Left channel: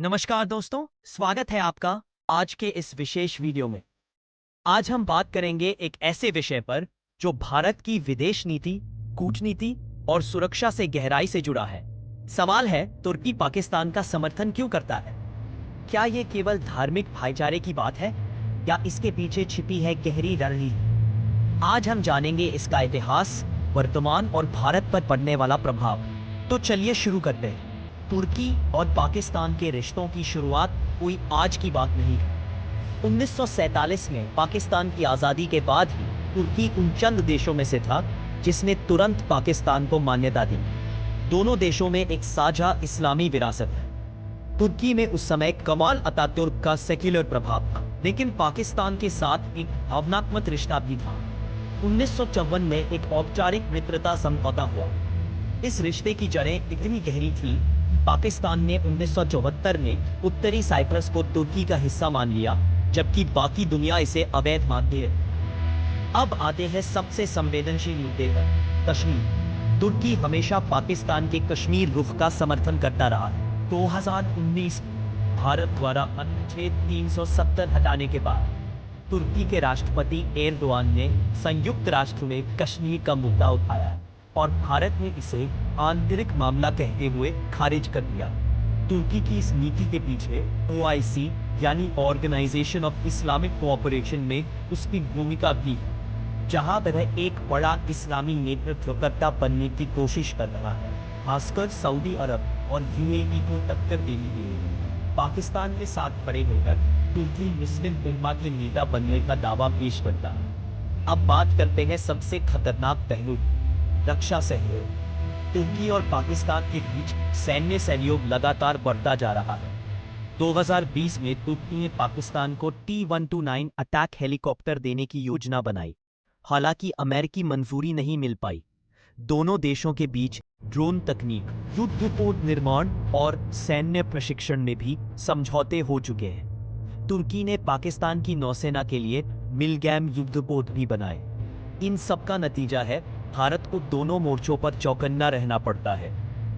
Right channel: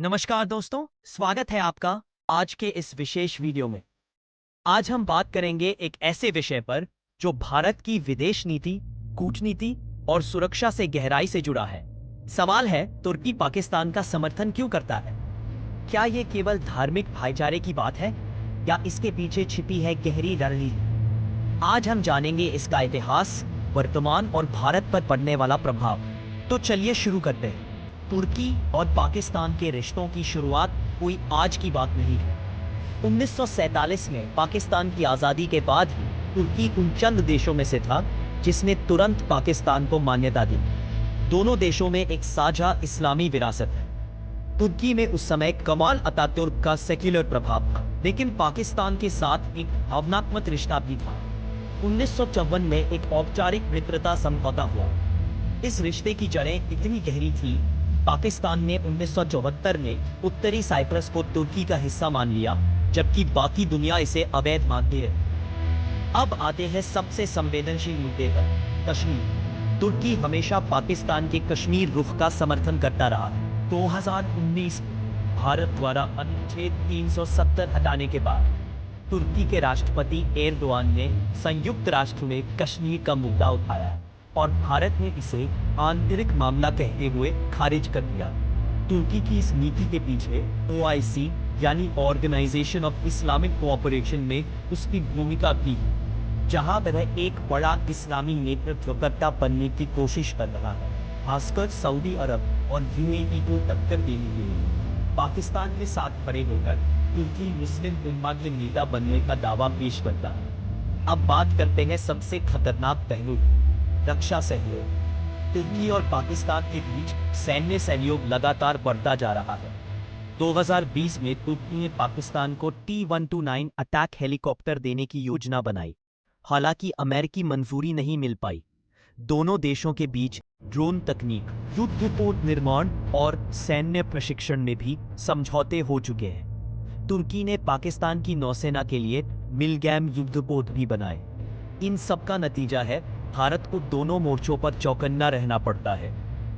नमस्कार दोस्तों, स्वागत है आपका आज के इस विशेष वीडियो में। आज हम बात करेंगे एक ऐसे विषय पर जो भारत की विदेश नीति, कूटनीति और सुरक्षा से गहराई से जुड़ा है। सवाल है, तुर्की पाकिस्तान का समर्थन क्यों करता है? क्या ये केवल धार्मिक भाईचारे की बात है या इसके पीछे छिपी है गहरी रणनीति? आज हम जानेंगे इसका इतिहास, वर्तमान और भारत पर पड़ने वाला प्रभाव। तो चलिए शुरू करते हैं। तुर्की और पाकिस्तान के रिश्तों की शुरुआत कोई आज की बात नहीं है। 1947 में पाकिस्तान की आज़ादी के बाद ही तुर्की उन चंद देशों में से था जिसने तुरंत पाकिस्तान को मान्यता दी। दोनों देशों में एक साझा इस्लामी विरासत है। तुर्की में उस समय कमाल अतातुर्क का सेक्युलर प्रभाव था, लेकिन पाकिस्तान के साथ एक भावनात्मक रिश्ता भी था। 1954 में एक औपचारिक मित्रता समझौता हुआ। इस रिश्ते की जड़ें इतनी गहरी थी, पाकिस्तान ने 1974 में उत्तरी साइप्रस को तुर्की का हिस्सा मान लिया, जबकि बाकी दुनिया इसे अवैध मानती है। अब आते हैं सबसे संवेदनशील मुद्दे पर, कश्मीर। तुर्की हमेशा पाकिस्तान के कश्मीर रुख का समर्थन करता रहा है। 2019 में भारत द्वारा अनुच्छेद 370 हटाने के बाद तुर्की के राष्ट्रपति एर्दोआन ने संयुक्त राष्ट्र में कश्मीर का मुद्दा उठाया है और भारत ने इसे आंतरिक मामला कहते हुए खारिज कर दिया। तुर्की की इस नीति के पीछे OIC यानी ऑर्गेनाइजेशन ऑफ इस्लामिक कोऑपरेशन में उसकी भूमिका भी है, जहां वह एक बड़ा इस्लामी नेतृत्वकर्ता बनने की कोशिश कर रहा है, खासकर सऊदी अरब और UAE को टक्कर देने के लिए। पाकिस्तान के साथ खड़े होकर तुर्की मुस्लिम उम्मा के नेता बनने का दावा पेश करता है। अब बात करते हैं सबसे खतरनाक पहलू, रक्षा सहयोग। तुर्की और पाकिस्तान के बीच सैन्य सहयोग लगातार बढ़ता जा रहा है। 2020 में तुर्की ने पाकिस्तान को T-129 अटैक हेलीकॉप्टर देने की योजना बनाई। हालांकि अमेरिकी मंजूरी नहीं मिल पाई। दोनों देशों के बीच ड्रोन तकनीक, युद्धपोत निर्माण और सैन्य प्रशिक्षण में भी समझौते हो चुके हैं। तुर्की ने पाकिस्तान की नौसेना के लिए मिलगैम युद्धपोत भी बनाए। इन सब का नतीजा है, भारत को दोनों मोर्चों पर चौकन्ना रहना पड़ता है।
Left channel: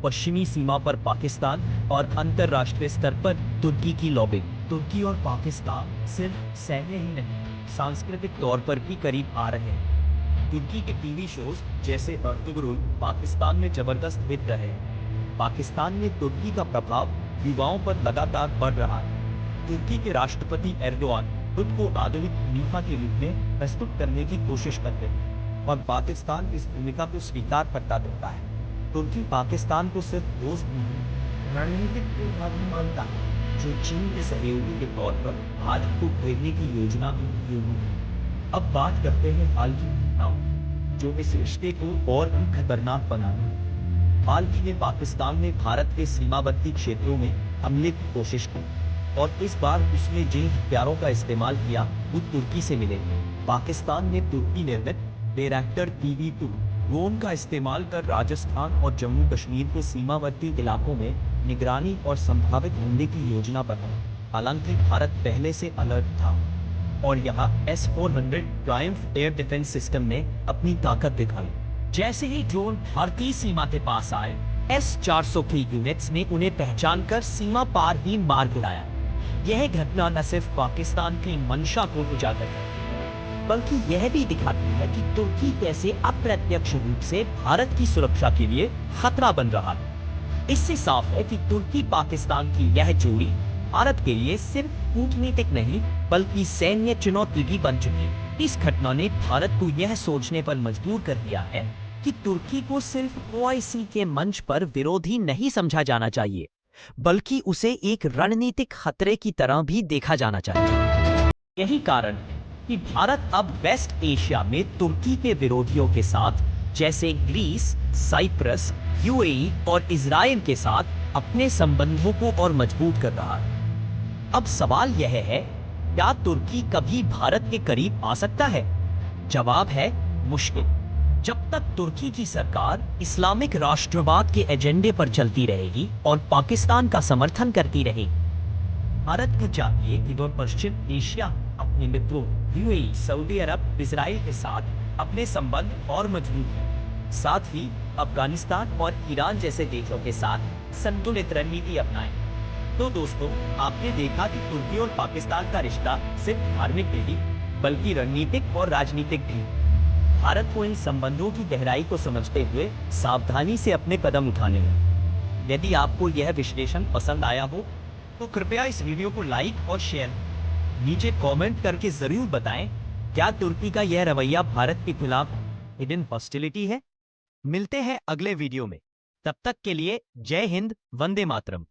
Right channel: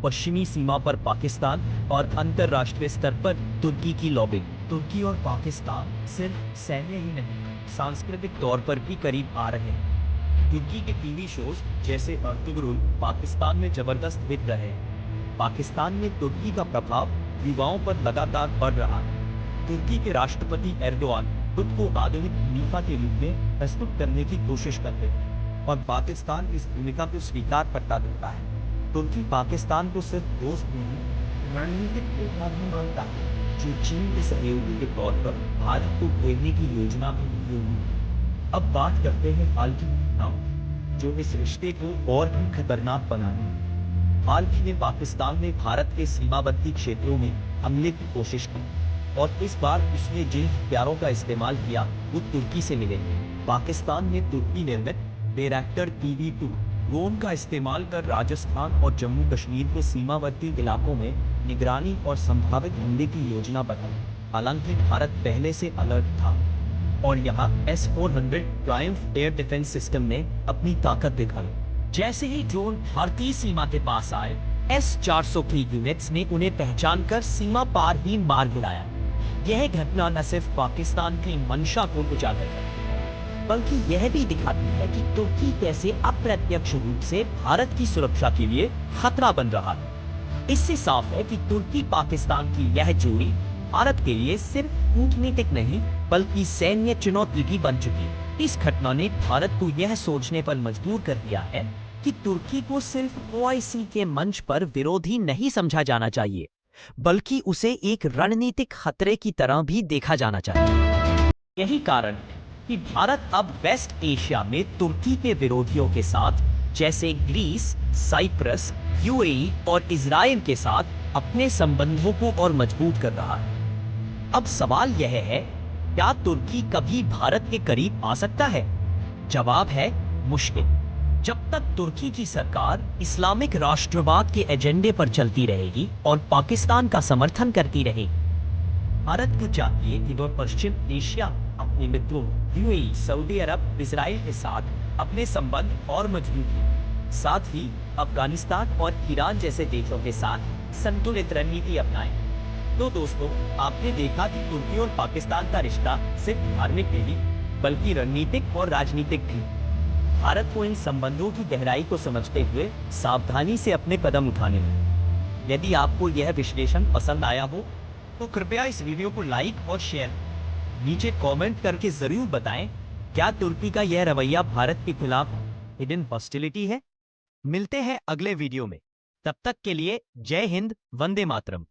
पश्चिमी सीमा पर पाकिस्तान और अंतर्राष्ट्रीय स्तर पर तुर्की की लॉबिंग। तुर्की और पाकिस्तान सिर्फ सैन्य ही नहीं, सांस्कृतिक तौर पर भी करीब आ रहे हैं। तुर्की के टीवी शोज जैसे अर्तुगरुल पाकिस्तान में जबरदस्त हिट रहे हैं। पाकिस्तान में तुर्की का प्रभाव युवाओं पर लगातार बढ़ रहा है। तुर्की के राष्ट्रपति एर्दोआन खुद को आधुनिक खलीफा के रूप में प्रस्तुत करने की कोशिश करते हैं और पाकिस्तान इस भूमिका को स्वीकार करता दिखता है। तुर्की पाकिस्तान को सिर्फ दोस्त नहीं, रणनीतिक प्रतिद्वंदी मानता है, जो चीन के सहयोगी के तौर पर भारत को घेरने की योजना में उपयोगी है। अब बात करते हैं हाल की घटनाओं, जो इस रिश्ते को और भी खतरनाक बनाने हैं। हाल ही में पाकिस्तान ने भारत के सीमावर्ती क्षेत्रों में हमले की कोशिश की और इस बार उसने जिन हथियारों का इस्तेमाल किया वो तुर्की से मिले। पाकिस्तान ने तुर्की निर्मित बैरक्टर TB2 ड्रोन का इस्तेमाल कर राजस्थान और जम्मू कश्मीर के सीमावर्ती इलाकों में निगरानी और संभावित हमले की योजना बनाई। हालांकि भारत पहले से अलर्ट था और यहाँ S-400 Triumph air defence system ने अपनी ताकत दिखाई। जैसे ही ड्रोन भारतीय सीमा के पास आए, S-400 की यूनिट्स ने उन्हें पहचान कर सीमा पार ही मार गिराया। यह घटना न सिर्फ पाकिस्तान की मंशा को उजागर करती है, बल्कि यह भी दिखाती है कि तुर्की कैसे अप्रत्यक्ष रूप से भारत की सुरक्षा के लिए खतरा बन रहा है। इससे साफ है कि तुर्की पाकिस्तान की यह जोड़ी भारत के लिए सिर्फ कूटनीतिक नहीं, बल्कि सैन्य चुनौती भी बन चुकी है। इस घटना ने भारत को यह सोचने पर मजबूर कर दिया है कि तुर्की को सिर्फ OIC के मंच पर विरोधी नहीं समझा जाना चाहिए, बल्कि उसे एक रणनीतिक खतरे की तरह भी देखा जाना चाहिए। यही कारण है कि भारत अब वेस्ट एशिया में तुर्की के विरोधियों के साथ, जैसे ग्रीस, साइप्रस, UAE और इजराइल के साथ अपने संबंधों को और मजबूत कर रहा है। अब सवाल यह है, क्या तुर्की कभी भारत के करीब आ सकता है? जवाब है, मुश्किल। जब तक तुर्की की सरकार इस्लामिक राष्ट्रवाद के एजेंडे पर चलती रहेगी और पाकिस्तान का समर्थन करती रहेगी। भारत को चाहिए कि वह पश्चिम एशिया अपने मित्रों UAE, सऊदी अरब, इजराइल के साथ अपने संबंध और मजबूत करें। साथ ही अफगानिस्तान और ईरान जैसे देशों के साथ संतुलित रणनीति अपनाएं। तो दोस्तों, आपने देखा कि तुर्की और पाकिस्तान का रिश्ता सिर्फ धार्मिक नहीं बल्कि रणनीतिक और राजनीतिक भी। भारत को इन संबंधों की गहराई को समझते हुए सावधानी से अपने कदम उठाने हैं। यदि आपको यह विश्लेषण पसंद आया हो तो कृपया इस वीडियो को लाइक और शेयर नीचे कमेंट करके जरूर बताएं, क्या तुर्की का यह रवैया भारत के खिलाफ हिडन हॉस्टिलिटी है। मिलते हैं अगले वीडियो में, तब तक के लिए जय हिंद, वंदे मातरम।